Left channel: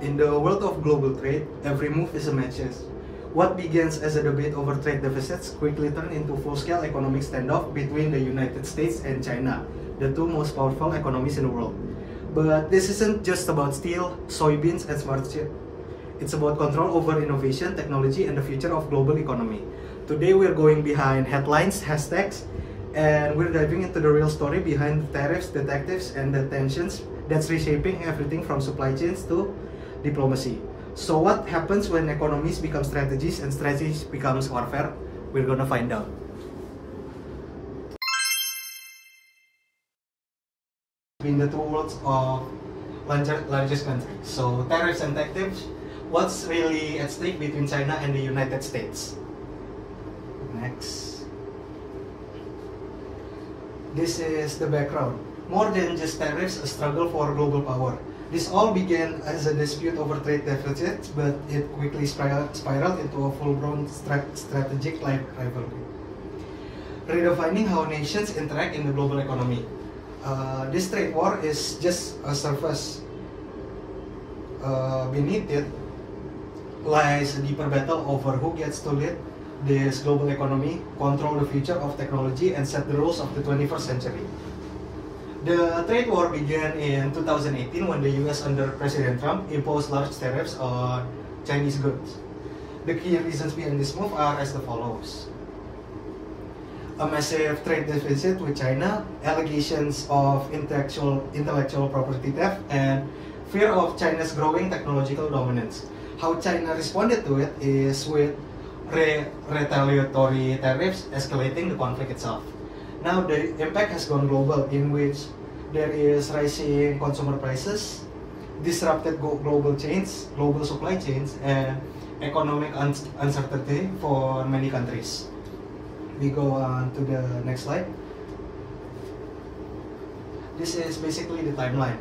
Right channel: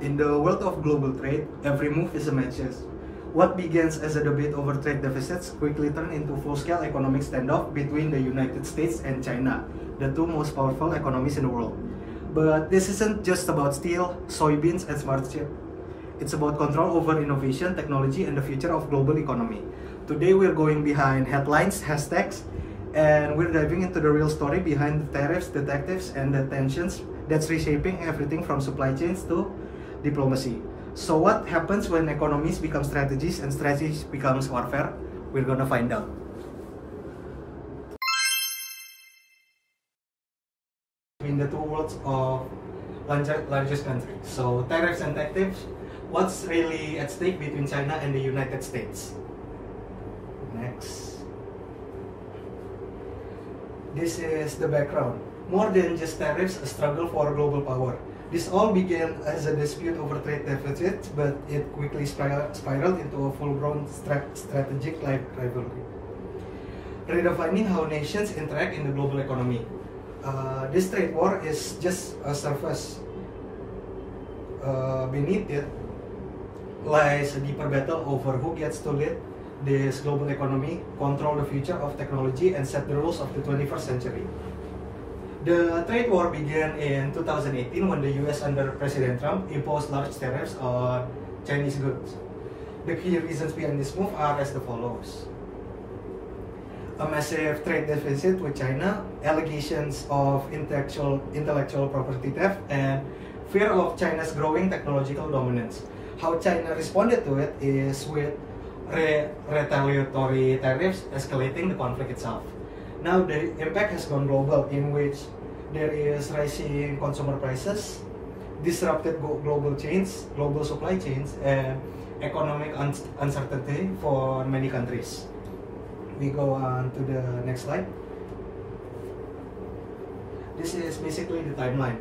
In the world of global trade, every move is a match. What begins as a debate over trade deficits quickly turned into full-scale economic standoff between the United States and China, the two most powerful economies in the world. But this isn't just about steel, soybeans, and smart chip. It's about control over innovation, technology, and the future of global economy. Today we're going behind headlines, hashtags, and we're diving into the real story behind the tariffs, detectives, and the tensions that's reshaping everything from supply chains to diplomacy. So what happens when economies become strategies and strategies becomes warfare? We're gonna find out. Between the two worlds of largest countries. So tariffs and tactics, what's really at stake between China and the United States? Next. This is the background. More than just tariffs, a struggle for global power. This all began as a dispute over trade deficits, but it quickly spiraled into a full-blown strategic rivalry, redefining how nations interact in the global economy. This trade war is just a surface. Beneath it lies a deeper battle over who gets to lead this global economy, control the future of technology, and set the rules of the 21st century. The trade war began in 2018 when the US under President Trump imposed large tariffs on Chinese goods. The key reasons behind this move are as follows. A massive trade deficit with China, allegations of intellectual property theft, and fear of China's growing technological dominance. How China responded to it is with retaliatory tariffs escalating the conflict itself. Now the impact has gone global, in which there is rising consumer prices, disrupted global supply chains, and economic uncertainty for many countries. We go on to the next slide. This is basically the timeline.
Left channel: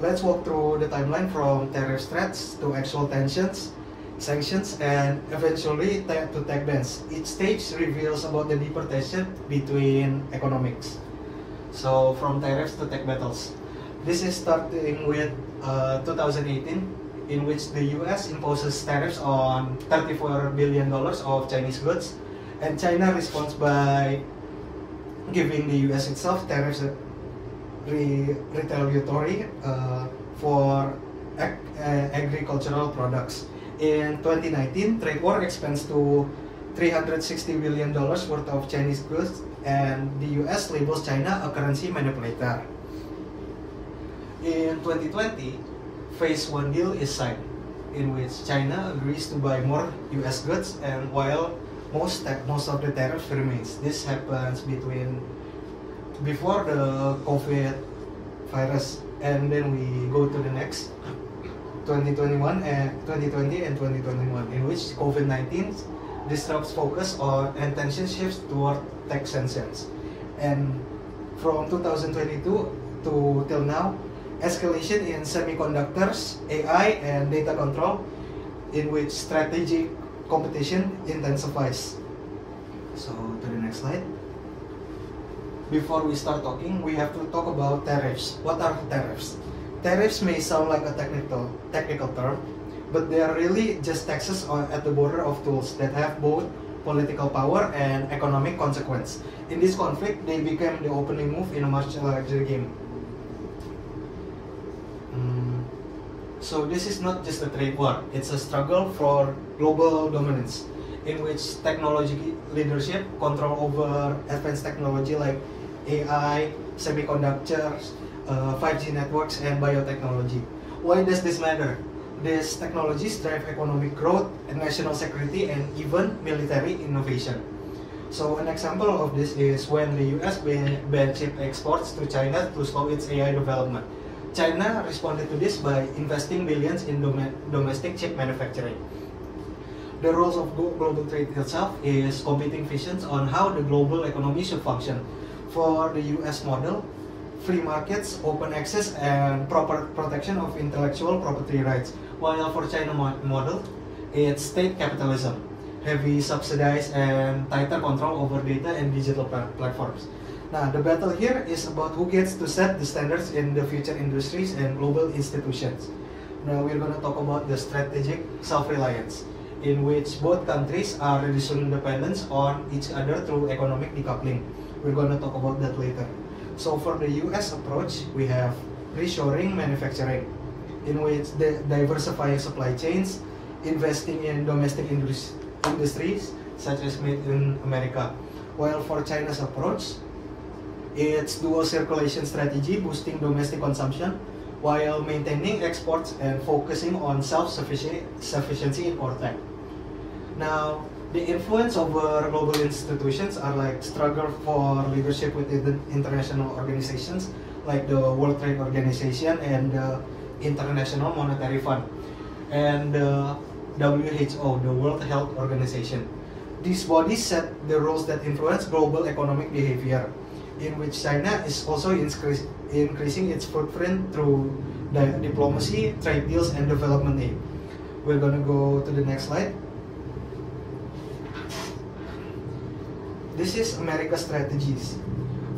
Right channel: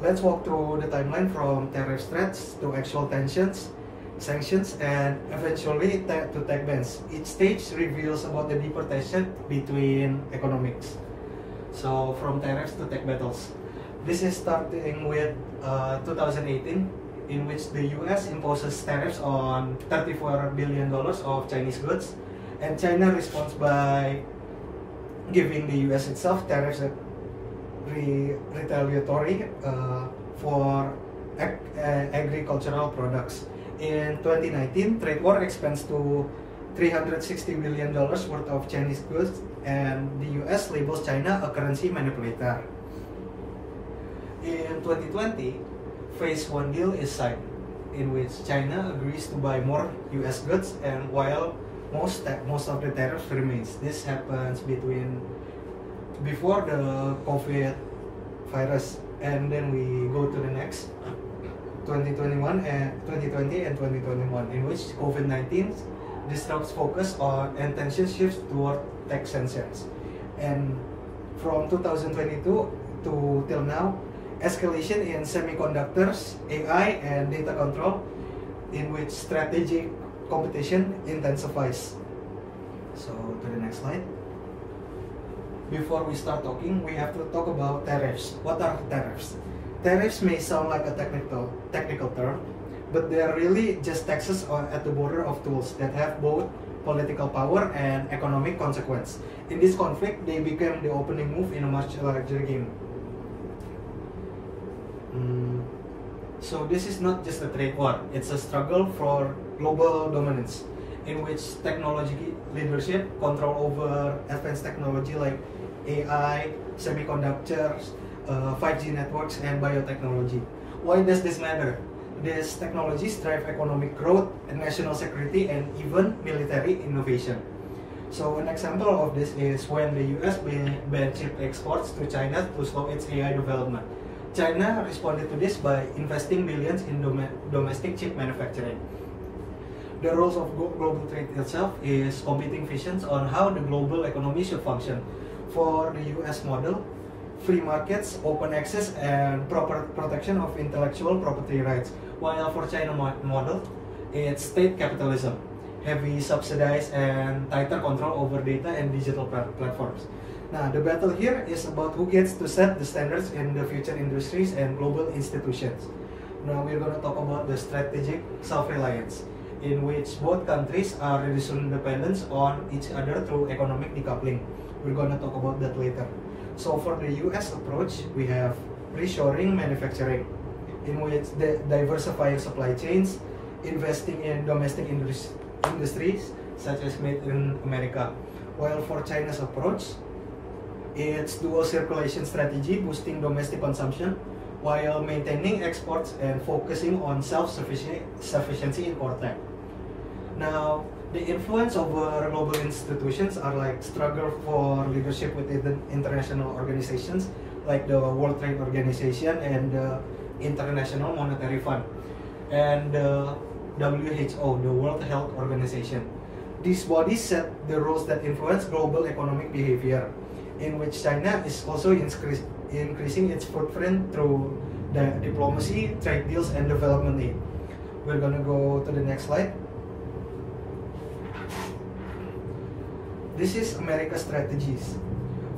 Let's walk through the timeline from tariff threats to actual tensions, sanctions, and eventually to tech bans. Each stage reveals about the deeper tension between economics. So from tariffs to tech battles. This is starting with 2018, in which the US imposes tariffs on $34 billion of Chinese goods, and China responds by giving the US itself tariffs that retaliatory for agricultural products. In 2019, trade war expands to $360 billion worth of Chinese goods, and the US labels China a currency manipulator. In 2020, Phase 1 deal is signed, in which China agrees to buy more US goods, and while most of the tariffs remains. This happens before the COVID virus, and then we go to the next 2020 and 2021, in which COVID-19 disrupts focus on and tension shifts toward tech sanctions. And from 2022 to till now, escalation in semiconductors, AI, and data control, in which strategic competition intensifies. So to the next slide. Before we start talking, we have to talk about tariffs. What are tariffs? Tariffs may sound like a technical term, but they are really just taxes at the border of tools that have both political power and economic consequence. In this conflict, they became the opening move in a much larger game. So this is not just a trade war, it's a struggle for global dominance, in which technology leadership, control over advanced technology like AI, semiconductors, 5G networks, and biotechnology. Why does this matter? These technologies drive economic growth, and national security, and even military innovation. So an example of this is when the US banned chip exports to China to slow its AI development. China responded to this by investing billions in domestic chip manufacturing. The rules of global trade itself is competing visions on how the global economy should function. For the US model, free markets, open access, and proper protection of intellectual property rights. While for China model, it's state capitalism, heavy subsidized and tighter control over data and digital platforms. Now, the battle here is about who gets to set the standards in the future industries and global institutions. Now we're going to talk about the strategic self-reliance, in which both countries are reducing dependence on each other through economic decoupling. We're going to talk about that later. So for the US approach, we have reshoring manufacturing, in which the diversifying supply chains, investing in domestic industries such as made in America. While for China's approach, it's dual circulation strategy, boosting domestic consumption while maintaining exports and focusing on self-sufficiency in core tech. Now, the influence over global institutions are like struggle for leadership within international organizations like the World Trade Organization and the International Monetary Fund, and the WHO, the World Health Organization. These bodies set the rules that influence global economic behavior, in which China is also increasing its footprint through diplomacy, trade deals, and development aid. We're going to go to the next slide. This is America's strategies.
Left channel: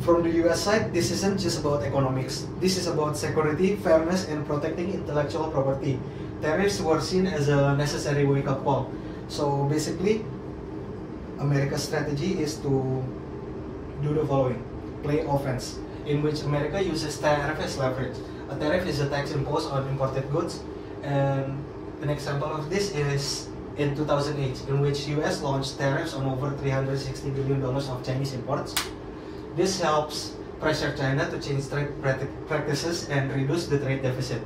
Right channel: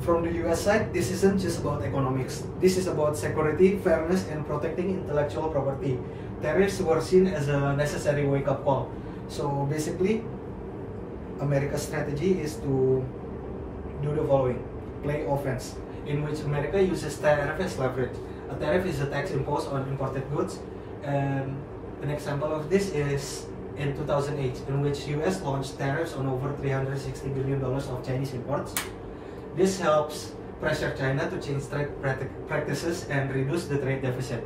From the US side, this isn't just about economics. This is about security, fairness, and protecting intellectual property. Tariffs were seen as a necessary wake-up call. So basically, America's strategy is to do the following: play offense, in which America uses tariff as leverage. A tariff is a tax imposed on imported goods, and an example of this is in 2008, in which US launched tariffs on over $360 billion of Chinese imports. This helps pressure China to change trade practices and reduce the trade deficit,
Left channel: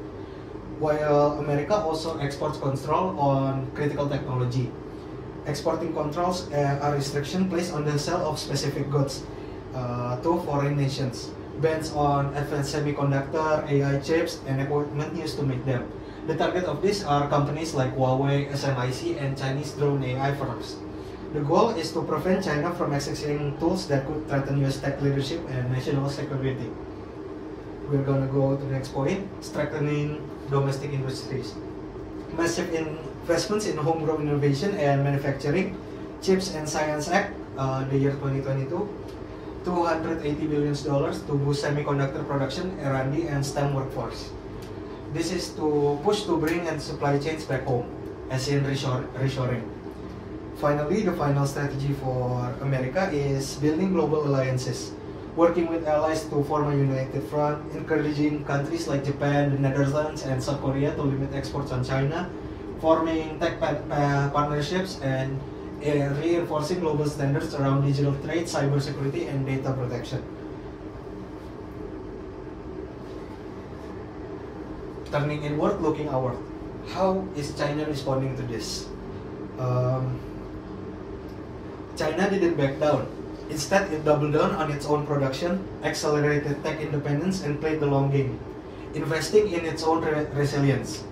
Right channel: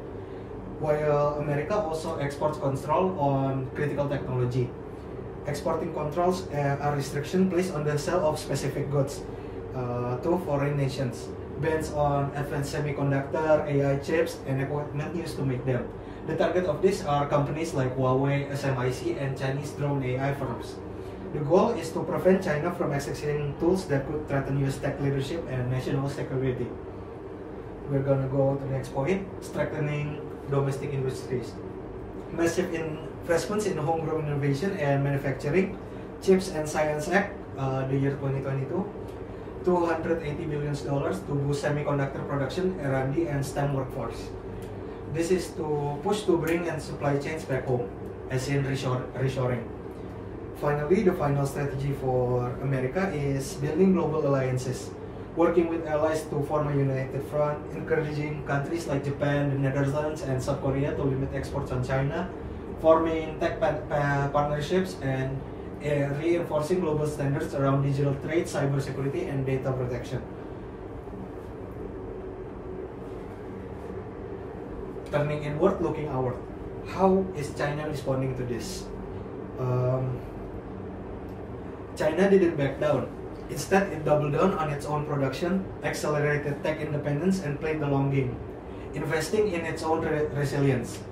while America also exports control on critical technology. Exporting controls are restrictions placed on the sale of specific goods to foreign nations, bans on advanced semiconductor, AI chips, and equipment used to make them. The target of these are companies like Huawei, SMIC, and Chinese drone AI firms. The goal is to prevent China from accessing tools that could threaten US tech leadership and national security. We're going to go to the next point: strengthening domestic industries. Massive investments in homegrown innovation and manufacturing, CHIPS and Science Act, the year 2022, $280 billion to boost semiconductor production, R&D, and STEM workforce. This is to push to bring and supply chains back home, as in reshoring. Finally, the final strategy for America is building global alliances, working with allies to form a united front, encouraging countries like Japan, the Netherlands, and South Korea to limit exports on China, forming tech partnerships, and reinforcing global standards around digital trade, cybersecurity, and data protection. Turning inward, looking outward. How is China responding to this? China didn't back down. Instead, it doubled down on its own production, accelerated tech independence, and played the long game, investing in its own resilience.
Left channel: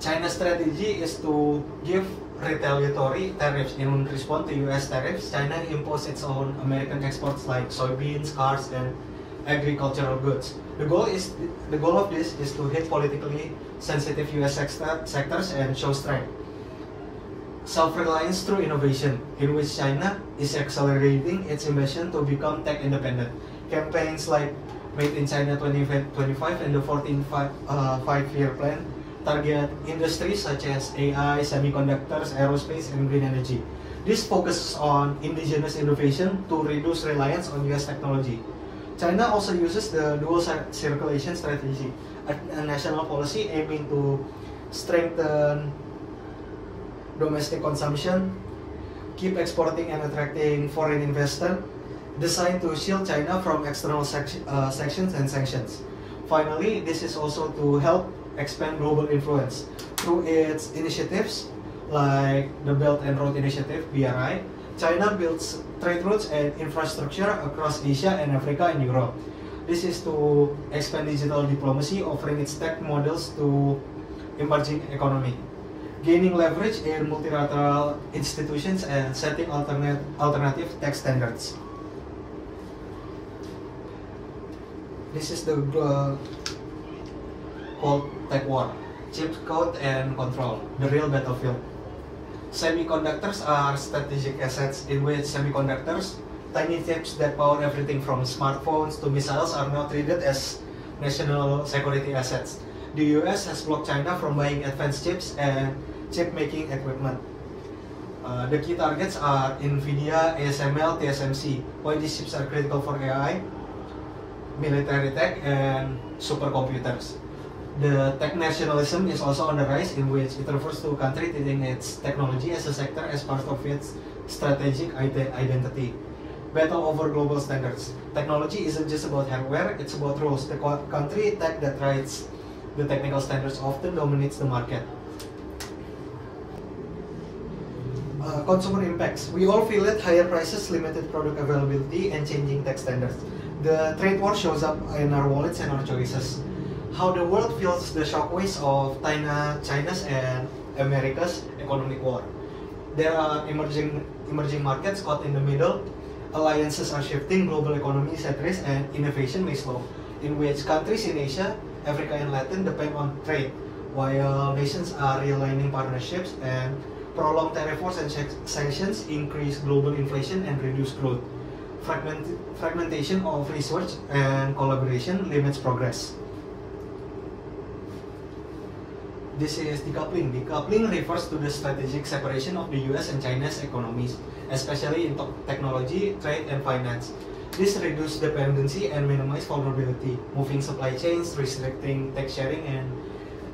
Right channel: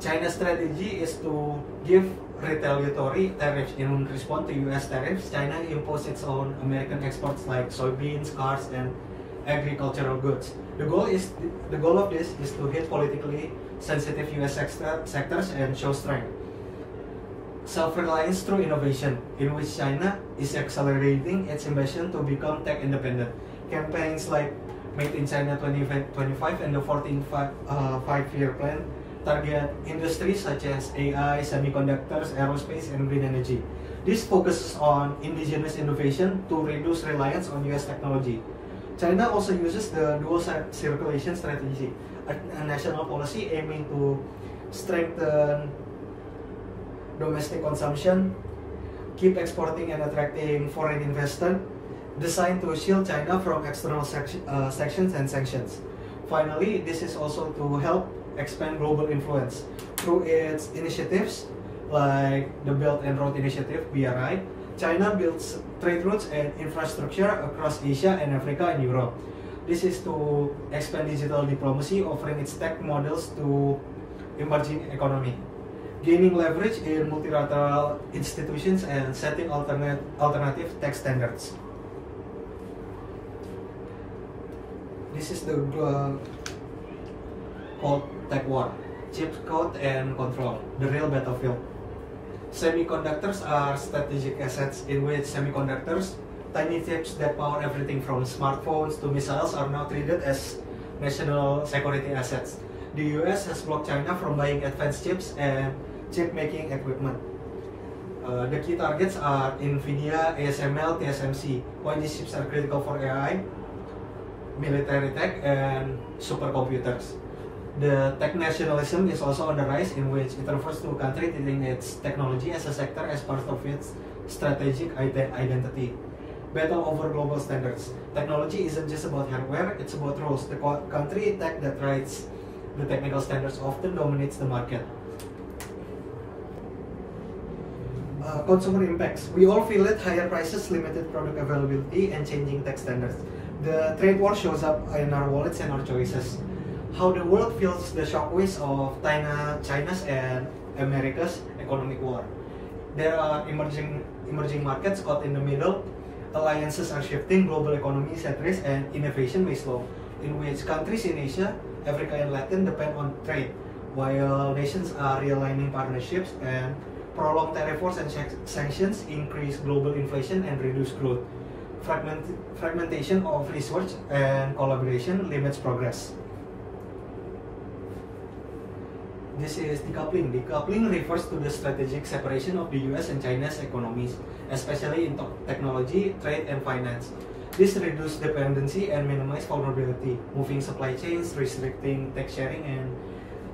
China's strategy is to give retaliatory tariffs. In response to US tariffs, China imposed its own American exports like soybeans, cars, and agricultural goods. The goal of this is to hit politically sensitive US sectors and show strength. Self-reliance through innovation, in which China is accelerating its ambition to become tech independent. Campaigns like Made in China 2025 and the 14th five-year plan target industries such as AI, semiconductors, aerospace, and green energy. This focuses on indigenous innovation to reduce reliance on US technology. China also uses the dual circulation strategy, a national policy aiming to strengthen domestic consumption, keep exporting and attracting foreign investors, designed to shield China from external sanctions and sanctions. Finally, this is also to help expand global influence through its initiatives like the Belt and Road Initiative, BRI. China builds trade routes and infrastructure across Asia and Africa and Europe. This is to expand digital diplomacy, offering its tech models to emerging economy, gaining leverage in multilateral institutions, and setting alternative tech standards. This is the Cold Tech War, chip code and control, the real battlefield. Semiconductors are strategic assets, in which semiconductors, tiny chips that power everything from smartphones to missiles, are now treated as national security assets. The US has blocked China from buying advanced chips and chip making equipment. The key targets are NVIDIA, ASML, TSMC. Why these chips are critical for AI, military tech, and supercomputers. The tech nationalism is also on the rise, in which it refers to a country treating its technology as a sector as part of its strategic identity. Battle over global standards. Technology isn't just about hardware, it's about rules. The country tech that writes the technical standards often dominates the market. Consumer impacts. We all feel it: higher prices, limited product availability, and changing tech standards. The trade war shows up in our wallets and our choices. How the world feels the shockwaves of China's and America's economic war. There are emerging markets caught in the middle. Alliances are shifting, global economy is at risk, and innovation may slow, in which countries in Asia, Africa, and Latin depend on trade, while nations are realigning partnerships, and prolonged tariff wars and sanctions increase global inflation and reduce growth. Fragmentation of research and collaboration limits progress. This is decoupling. Decoupling refers to the strategic separation of the US and China's economies, especially in technology, trade, and finance. This reduces dependency and minimizes vulnerability, moving supply chains, restricting tech sharing, and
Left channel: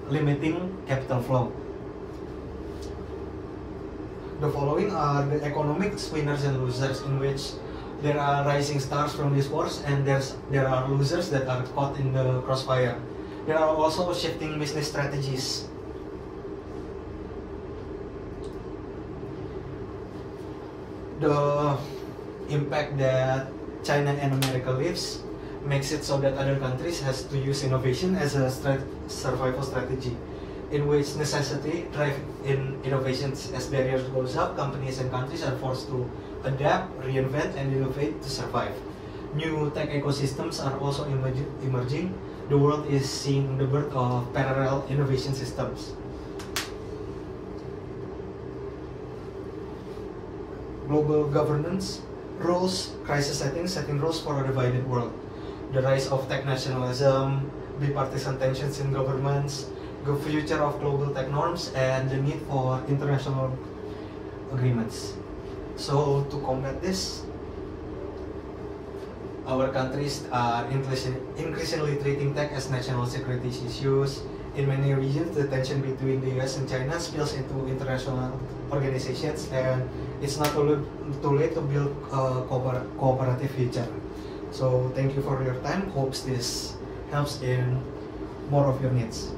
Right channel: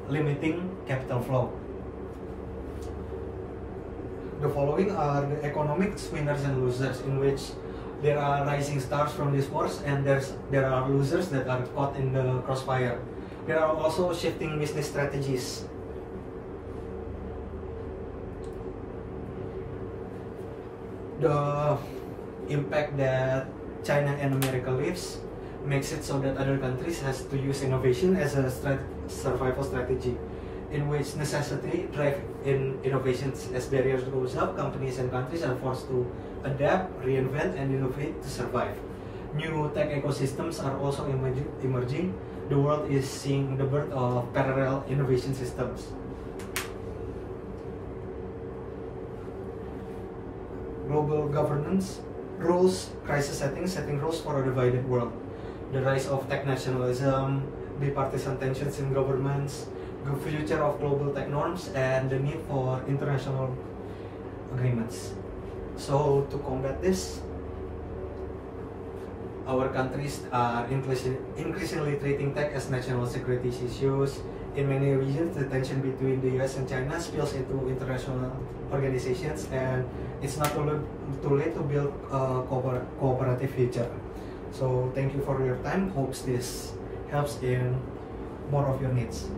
limiting capital flow. The following are the economic winners and losers, in which there are rising stars from these wars, and there are losers that are caught in the crossfire. There are also shifting business strategies. The impact that China and America lives makes it so that other countries has to use innovation as a survival strategy, in which necessity drive in innovations. As barriers goes up, companies and countries are forced to adapt, reinvent, and innovate to survive. New tech ecosystems are also emerging. The world is seeing the birth of parallel innovation systems. Global governance, rules, crisis setting rules for a divided world. The rise of tech nationalism, bipartisan tensions in governments, the future of global tech norms, and the need for international agreements. So to combat this, our countries are increasingly treating tech as national security issues. In many regions, the tension between the US and China spills into international organizations, and it's not too late to build a cooperative future. So thank you for your time. Hopes this helps in more of your needs.